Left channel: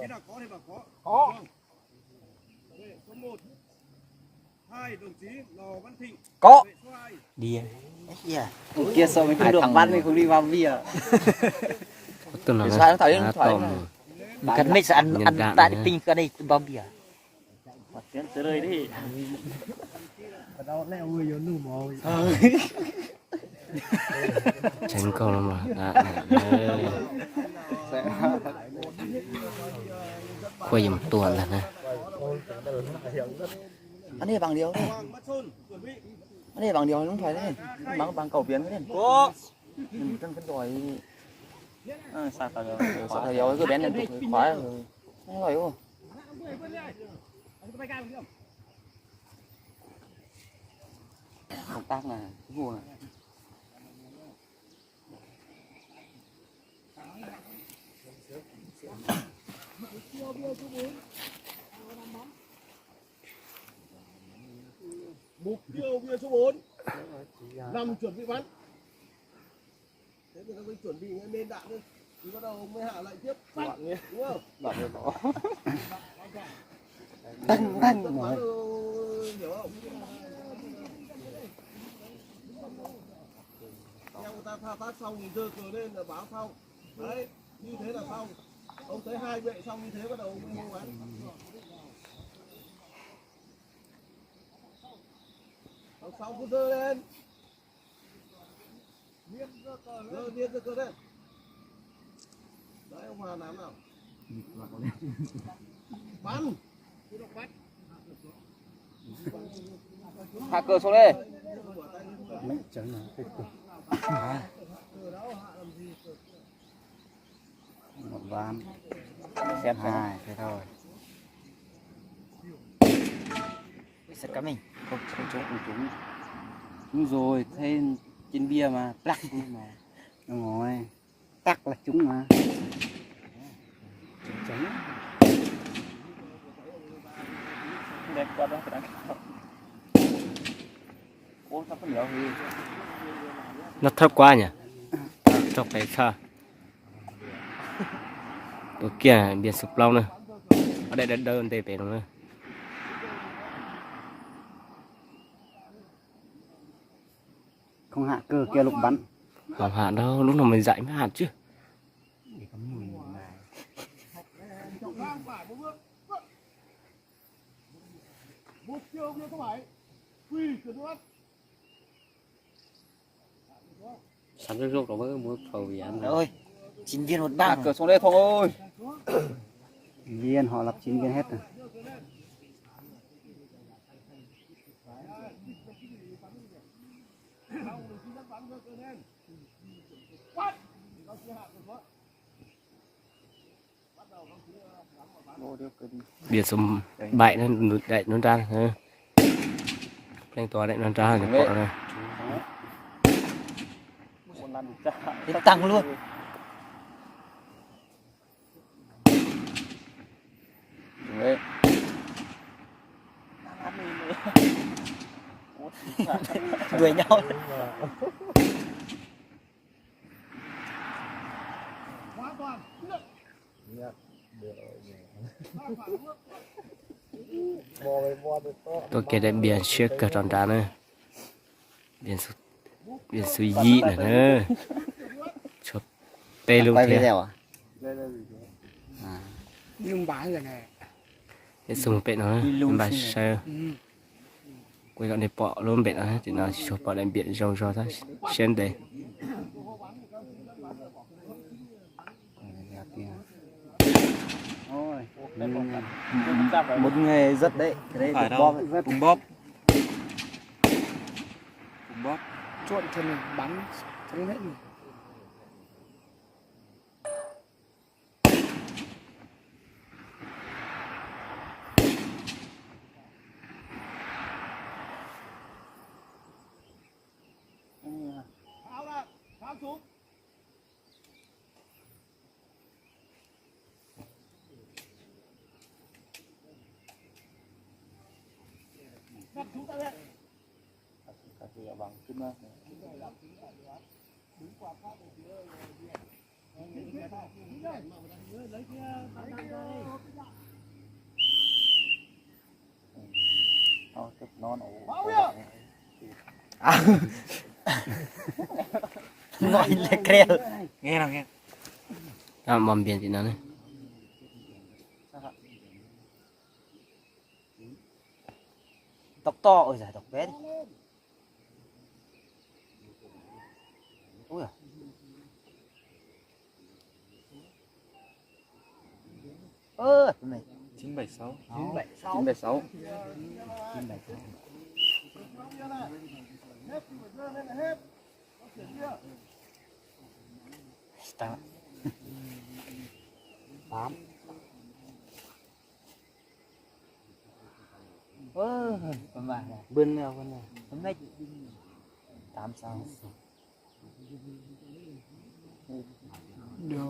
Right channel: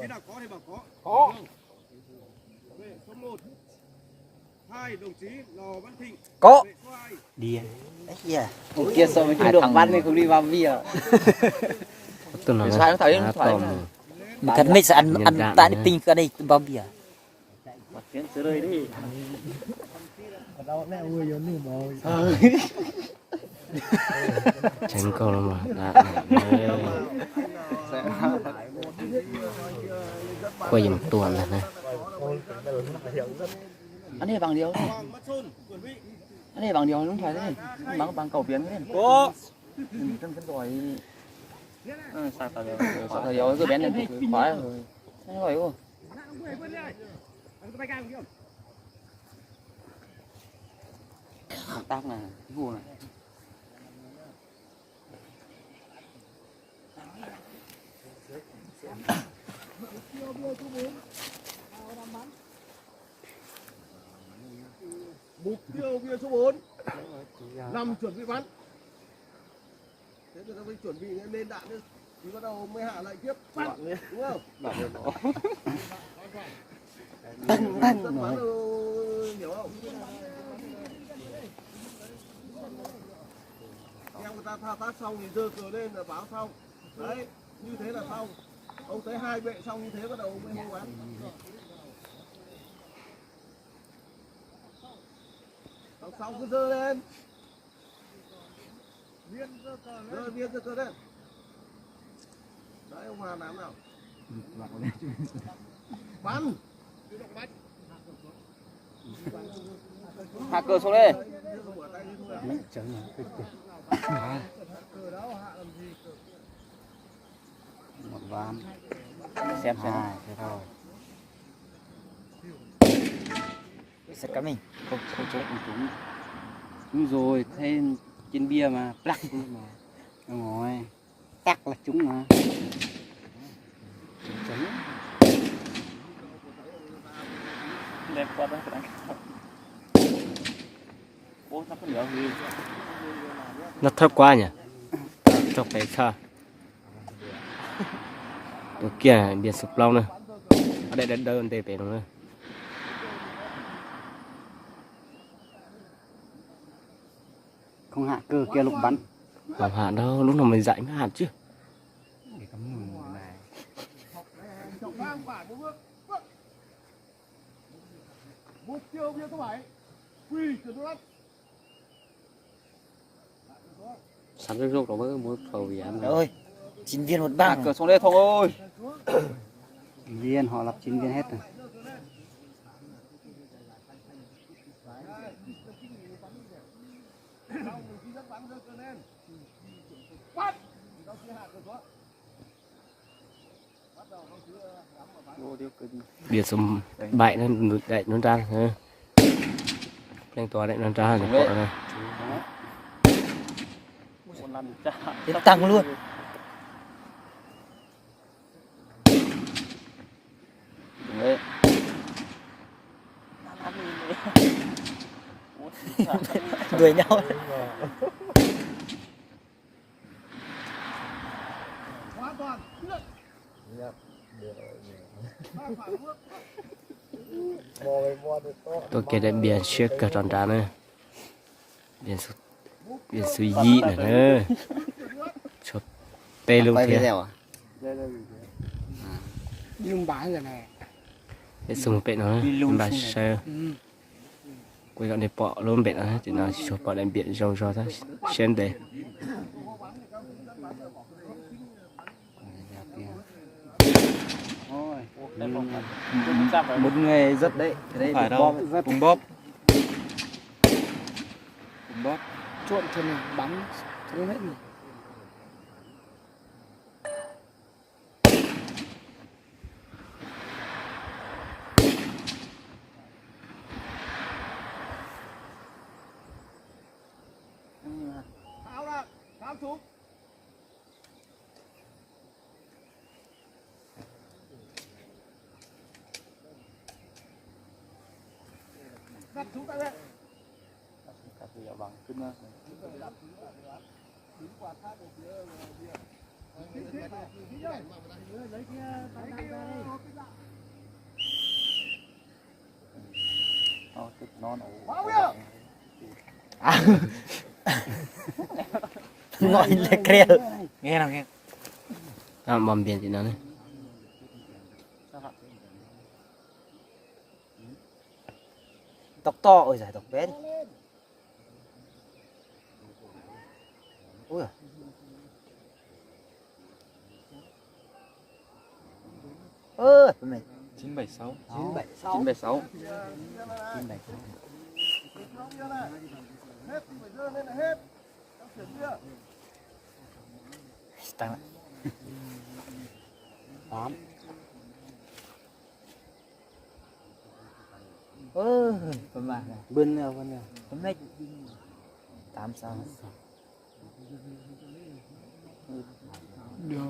Khi nào có thì bảo có. Vệ số 1. 2 đồng chí Lò Văn Thịnh. Có. Vệ số 2. Đi. Đấy kia so với không được văn thì không đi vào bia. Tuần nào Sao thầy này tôm thật mấy sẽ ăn tại nhá. pin cái đây bao bia. Kiến tới đây đi. Tránh câu lắm mà đã quay một tuần rồi nè. Anh ấy bằng điều đấy. Hoàng Văn Xuân chuẩn bị. Anh ấy bằng điều không phải đấy. Bằng cầu biến đấy. Có. Chân rồi. Sao tao biết. Sao điều cứ bén lên tục khóa rồi. Không rồi không? Tác này, vụ này. Mục tiêu bia số 4. 5 chuẩn bị bắn. Thế người ta mới chuẩn bị lên đạn nữa. Thì bắt đầu mới hạ lại tiếp. Bắn. Đúng không? Bạn này nó. Tăng Bắn hiểu không? Theo người ta thao tác xong thì giơ cờ lên là báo xong. Đấy, như thế là xong. Ông thấy hai vệ xong như thế bắt đầu ông mới hô bắn. Xong cứ giơ lên. Viên giơ cờ lên. Đấy ông Hà làm nào? Bắn. Tự động bắn. hạ cờ xuống đây. Một ván. Xem Hai, thế thôi. Sẽ cắm mình. Không trúng. Trúng rồi, thế trên bia mà plắc luôn mà. Đúng rồi. Tắc là trúng mà. Trúng. Đẹp quá đó. Ủa sao không nhớ gì? nó thấp quá nhỉ. Cho phải xaตัวเกียร์เบียดสุกเล่าเนอะเอาได้เดินเตะไปตรงนั้น Không hạ cơ kia lục bắn. Không hạt đâu, lúc nào mình dạy mới hạt chứ. Để cắm mùi này. Mục tiêu bia số 7. Quy chuẩn bị bắn. Sẵn cái rốt đó mới muốn phầu vì ăn Ôi, 9 viên một Hạ băng. cờ xuống đây Thông ơi. Viên, họ lập 9 viên hết rồi. Biệt số 7 nó đẩy nó ra lên tòa đẩy nó ra để bỏ ra Đến tăng luôn. Đuổi nhau. Hoàn toàn. tôi kể đến biển trước cả tròn ra nữa biển suy dị nữa chụp tê luôn thế Nhưng bái rồi này. để dùng bệ nó nhưng bà sơ quay gọn để bỏ luôn bệ nó thì nó chụp bỏ đến biển rong rong thôi trên đây Một người rất đấy. Phải đâu, cùng bóp. Cùng bóp. Trộn thân này, bắn thân hết này. Tháo ra, tháo xuống. Đặt xuống tay lên. Đứng quạt sát ở phía ngoài kia. Lấy kia, bao nhiêu Ngồi lên kia. Nghe nào nghe. bom biển thì nó này Tóc to ôi giời tóc bé. Ui. Ơ, mày 976. 976. 976. hết thì phải dơ lên là hết trong chuyển kia Tăng lại. 8. Con bà này. Bên nào bên nào. Hôm nay 86.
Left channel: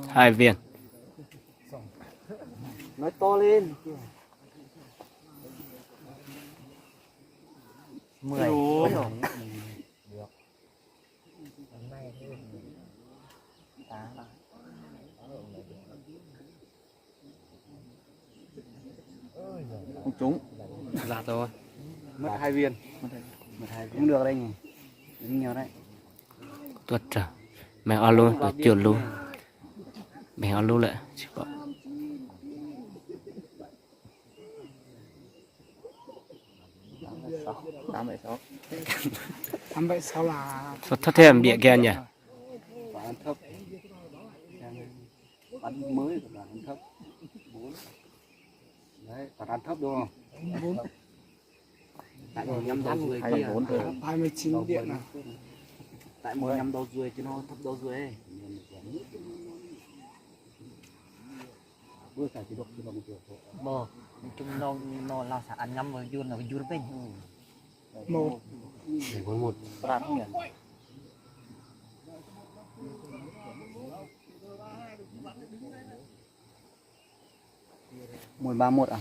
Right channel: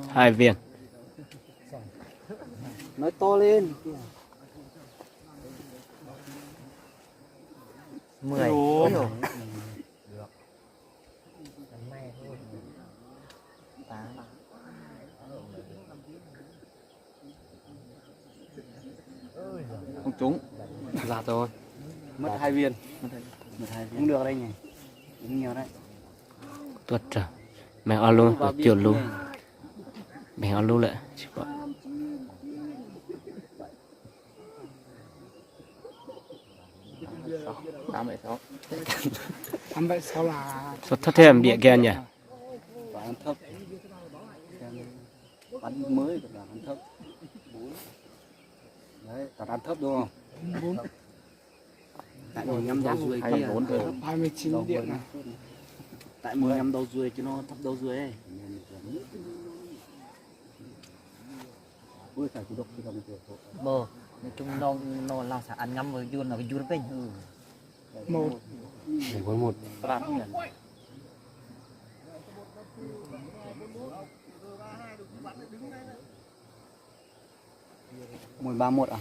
2 viên Nói to lên. 10. Không trúng. ra thôi Mất 2 viên. Mất 2 viên. Không được đây nhỉ. Đúng nhiều đấy. tuột trở mày on luôn rồi chuyển luôn mày on luôn lại chỉ bảo 876. 876 là số thất thêm bịa kia nhỉ Bán thấp. Bán mới còn là bán thấp. 4. Đấy, còn ăn thấp đúng không? 4. Tại mình nhắm đầu ruồi kia. 29 điện à. Tại mình nhắm đầu ruồi chứ nó thấp đầu ruồi ấy. Ui phải chỉ độc kiểu. Bờ. Nói chung nó là sẽ ăn nhắm với dùn là cái dùn bên. 1. 1 Mùi 31 à?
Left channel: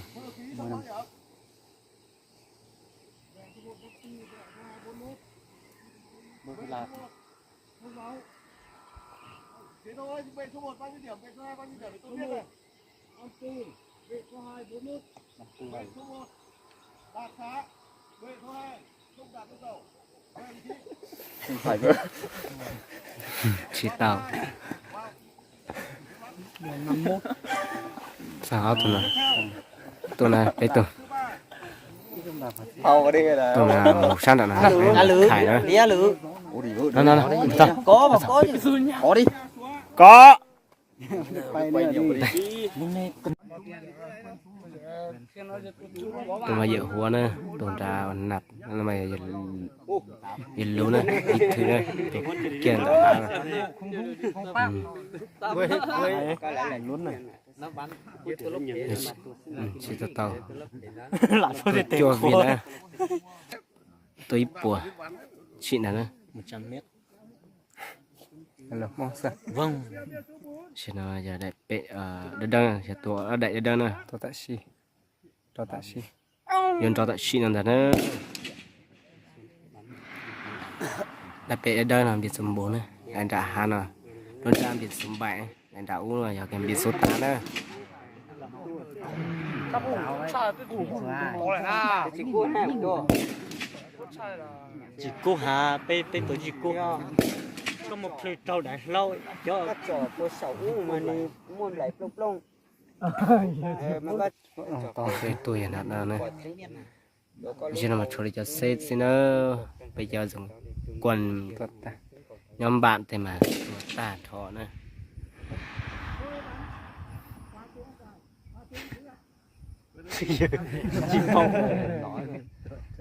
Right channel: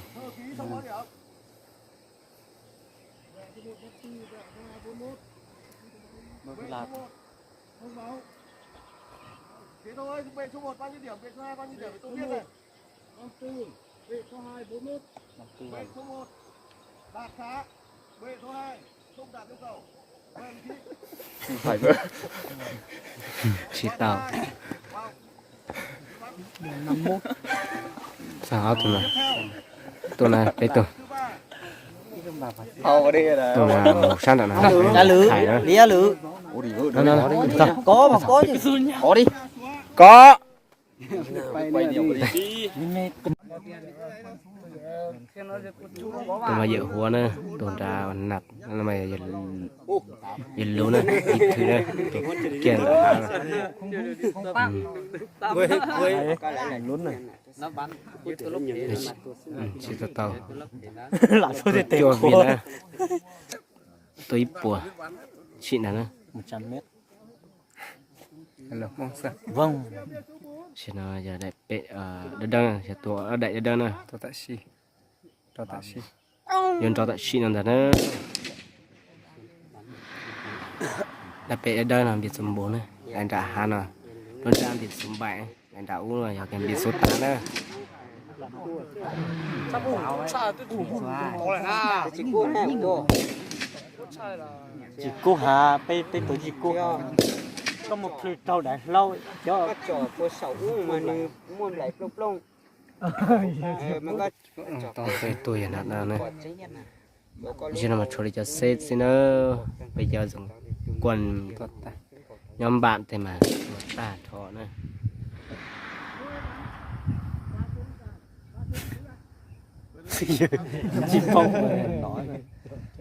thế thôi vệ số 1 bao nhiêu điểm vệ số 2 bao nhiêu điểm tôi biết rồi 54 vệ số 2 41 vệ số 1 đạt khá vệ số 2 không đạt yêu cầu vâng chị Phải vỡ. chỉ tao 51. sao tụi này đây tụi tụi là một sáng đã nào khải nữa Đĩa lử. nó Có mà có chứ. Có đi. có tụi mà dự hóa nữa tụi ra nạp nó mày dự lú nữa ít thứ nữa tụi kia là hả Cái lại là nhún này. Nó bắn. chỉ tao tôi cho viên nữa tôi bùa chị nào nữa 100 mét. Hello, mong sao? Vâng. chị nào giờ đại bệ đơn đơn sẽ tua đại đơn nữa Cho taxi. Cho taxi. yon cho tại chị nào nữa đại bệ đơn là biệt số 4 này anh đã hà nào đơn ra biệt số 7 anh đã uống rồi giờ cái biệt số 8 nữa Chỉ cô hà pe tổ chỉ cô. Có một plei trâu đã lâu cho Các trò của 6 mà như muốn lại plong plong. Mà các cái tuổi hiện nào nữa chỉ là mà cho đi cho sếp xin nữa bây giờ dùng quần nhóm bạn thì mà ta thọ nữa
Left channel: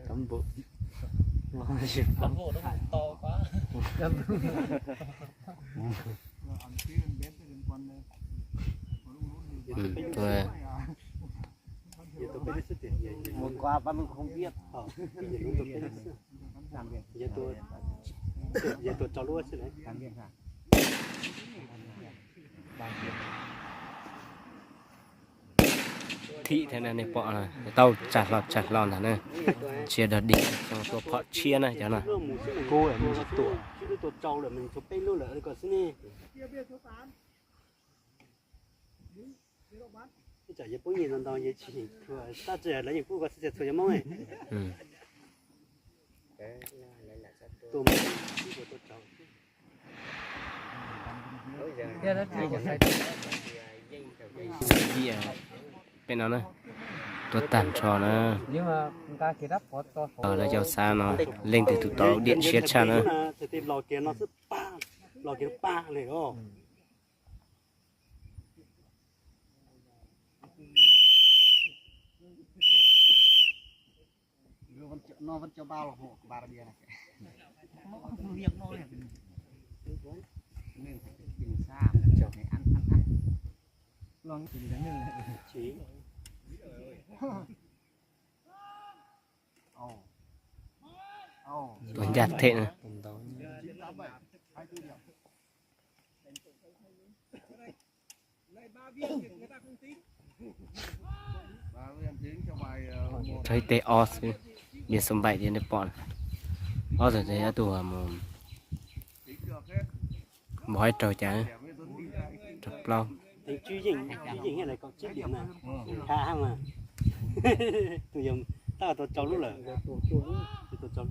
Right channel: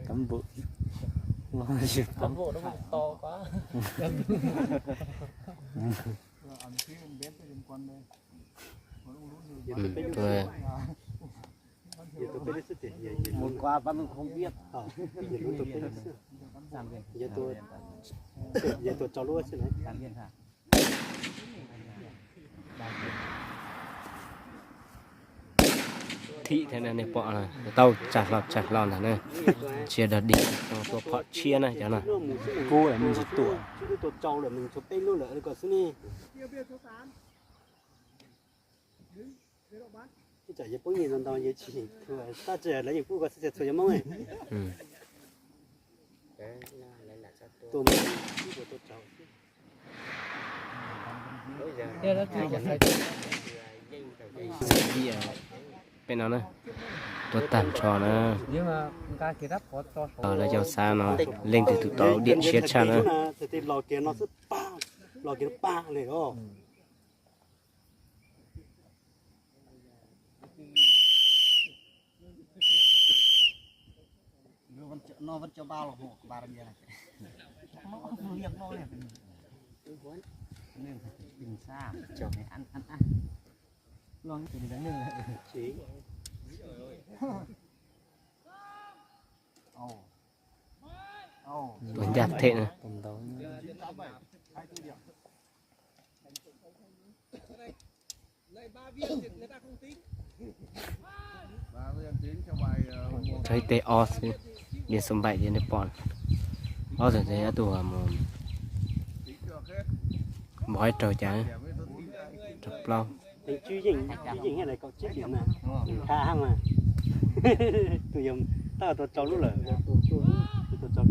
cắm bộ. Cán bộ nó to quá. tôi Một qua vẫn không biết. Giờ tôi cho luôn chứ đấy. thị thế này này bỏ này tao chặt lọt là này chia đợt đi trongตัวhọ chia này cho nào Cô là mình chỉ tuổi. Chứ tôi trâu là mình chụp tên luôn là còn xin đi. Chả có bao nhiêu lần đâu vậy chỉ ta chỉ lấy những phụ có sẽ chơi mong này. tôi mới của tôi cháu bia bên nó nữa tôi tàn trò nữa Nhưng mà người ta kia đắp có to số. là cho sao nó lên từ tụ tàu điện chết cha nữa thì lò kia nó rất ba lò kia ba này đó Nó vẫn cho bao là hộ ba bia này. Nó không liệt nó liệt. Nên phải bình xa cho cái ăn. Lòng thì đánh mình lại. chỉ tuần giặt thế nữa thấy tê os biển sông bảy thì nó bọn os rồi thấy tụi mà bói trời chả chụp lâu truy dình cái này có chiếc điểm này khá mà tôi dùng ta tôi cho lúc là tôi cho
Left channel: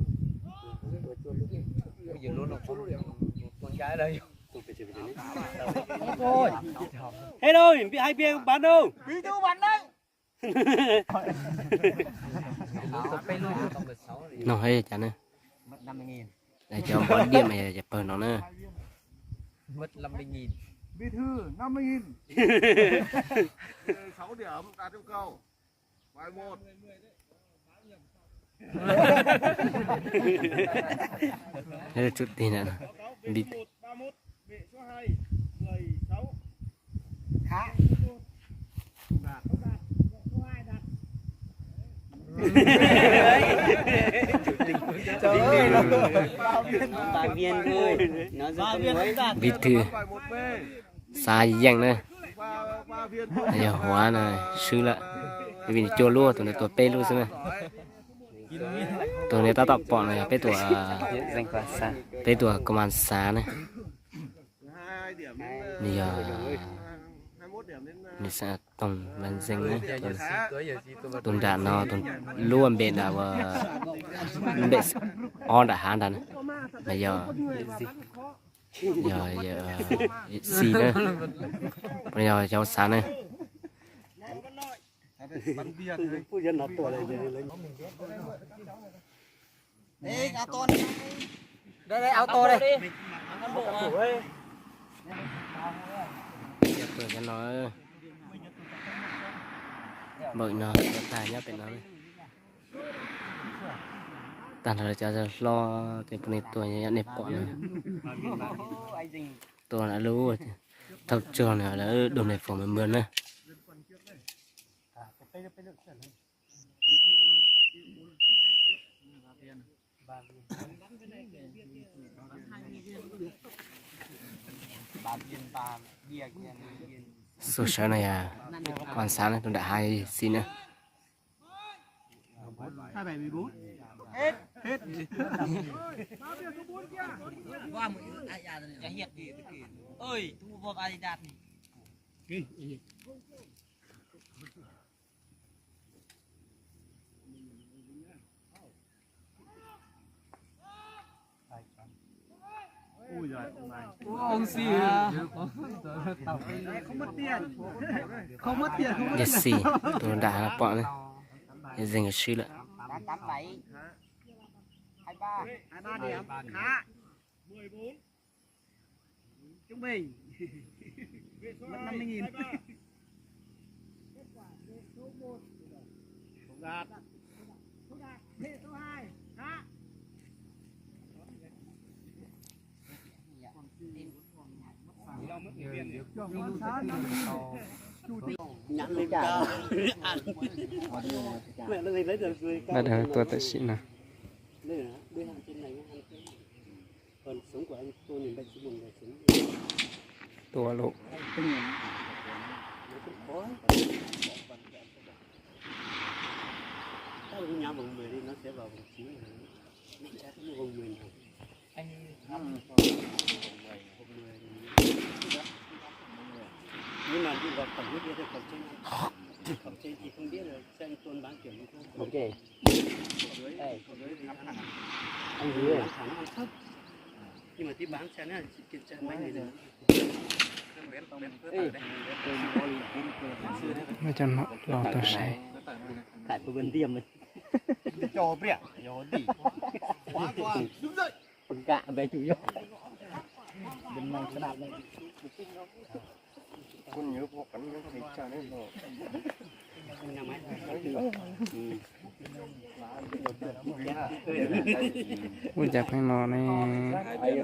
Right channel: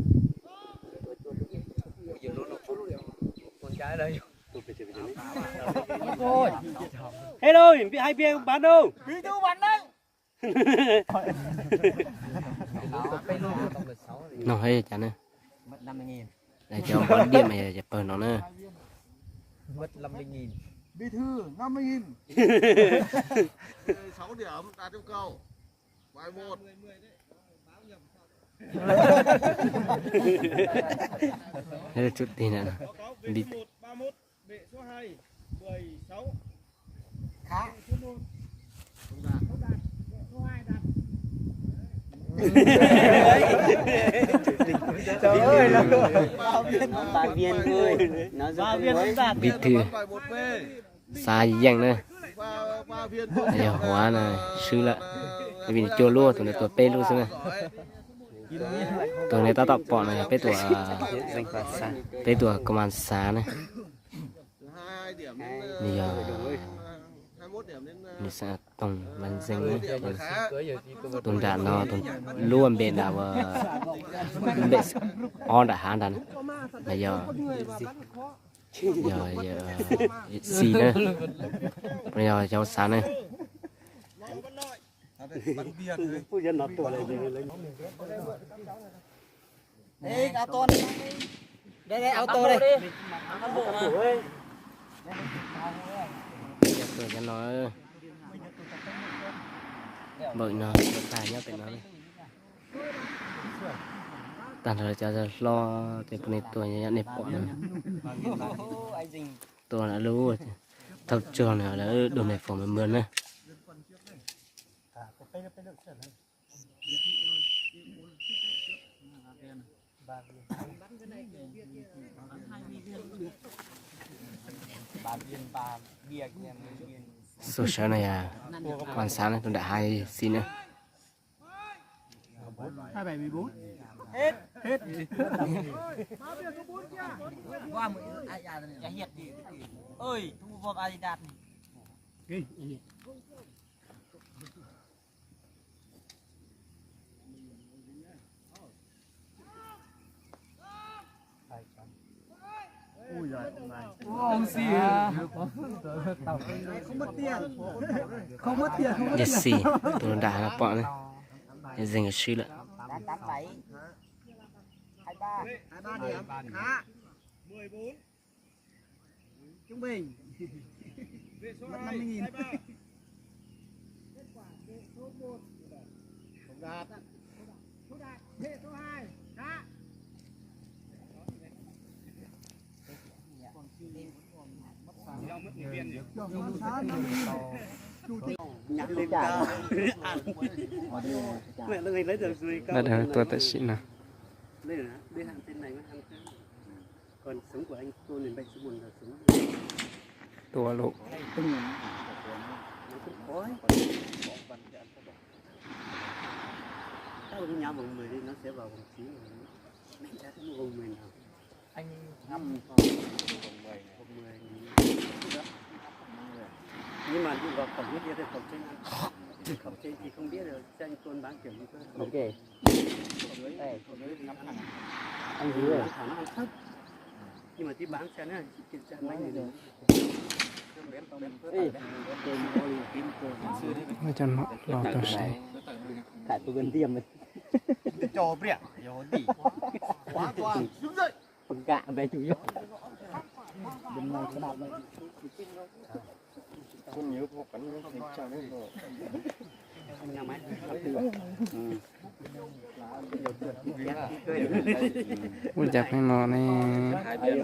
hello bị hai bia bán đâu đi đâu bán đấy nó hay chả nữa để cho bón điểm này chụp nó nữa Mất 50.000. Bí thư 50.000. 6 điểm đạt yêu cầu. Bài 1. thế là chút tiền nữa bị 31 bệ số 2 16. Trời ơi là ba viên thôi nó ba viên cũng đạt. bị thư Bài 1B. xa dành nữa 3 viên thôi. giờ hóa này sư lạ vì cho lúa tụi này tụi pe luôn xem tụi này ta tập bọn này pe tụi pe tụi công an xã này 2 điểm bây giờ 21 điểm đến mình sẽ tổng văn danh đấy tuần đạn nó tuần luôn bên đảo bên on đã hàng đàn bây giờ xì nữa bây giờ cháu sáng này phu nhân nó tuổi này lấy Đi áo to này. Đây áo to đi. Ăn bộ à. giờ tôi cho nó bởi nó tài nhá bên nó này tàn rồi cho lo thì bọn này tôi nhá nếp bọn này tôi đã lưu rồi tập trường này đã đồ này phòng mình mượn này số sáng này à còn sáng này tôi đã hai xin nữa 2714. hết. Ơi, thu vào ai đạt. Ông xì không mất tiền. Không mất tiền. Jesse tôi đã là bọn này để dành cái suy lại 87 23 điểm. Khá. 14. trung bình. Bệ số 2 50.000. 23. Kết quả bệ số 1. Không đạt. Bệ số 2. Khá. nhắn lên cao mẹ nó lấy được rồi cao bắt đầu tôi tại xịn nào đây là đây hàng trên này nó hàng trên còn sống của anh tôi nên bệnh số 1 là sống tôi lộ nó cũng khó ta vào nhà vòng 10 đi nó sẽ vào vòng 9 mình chắc cái vòng 10 nào Anh ngâm vòng 10 nhưng mà đi vào cổng kia thì cổng trên thì không biết được cho anh Tuấn bán chuyển đi thôi ok. cổng dưới thì ngắm hàng ăn dứa à thằng ăn thấp nhưng mà tí bán xe nữa chị chạy mấy người rồi ไม่จะเนาะรอตัวใส่ tại tôi gần tiêm rồi cho bẹt rồi đi quá quá đứng dậy phần cạ về chủ yếu bên ngoài cái nào vậy คุณเยอะพวกกันไม่เคยเจอได้หรอก anh làm máy รู้จักให้นอนแน่ Hai bên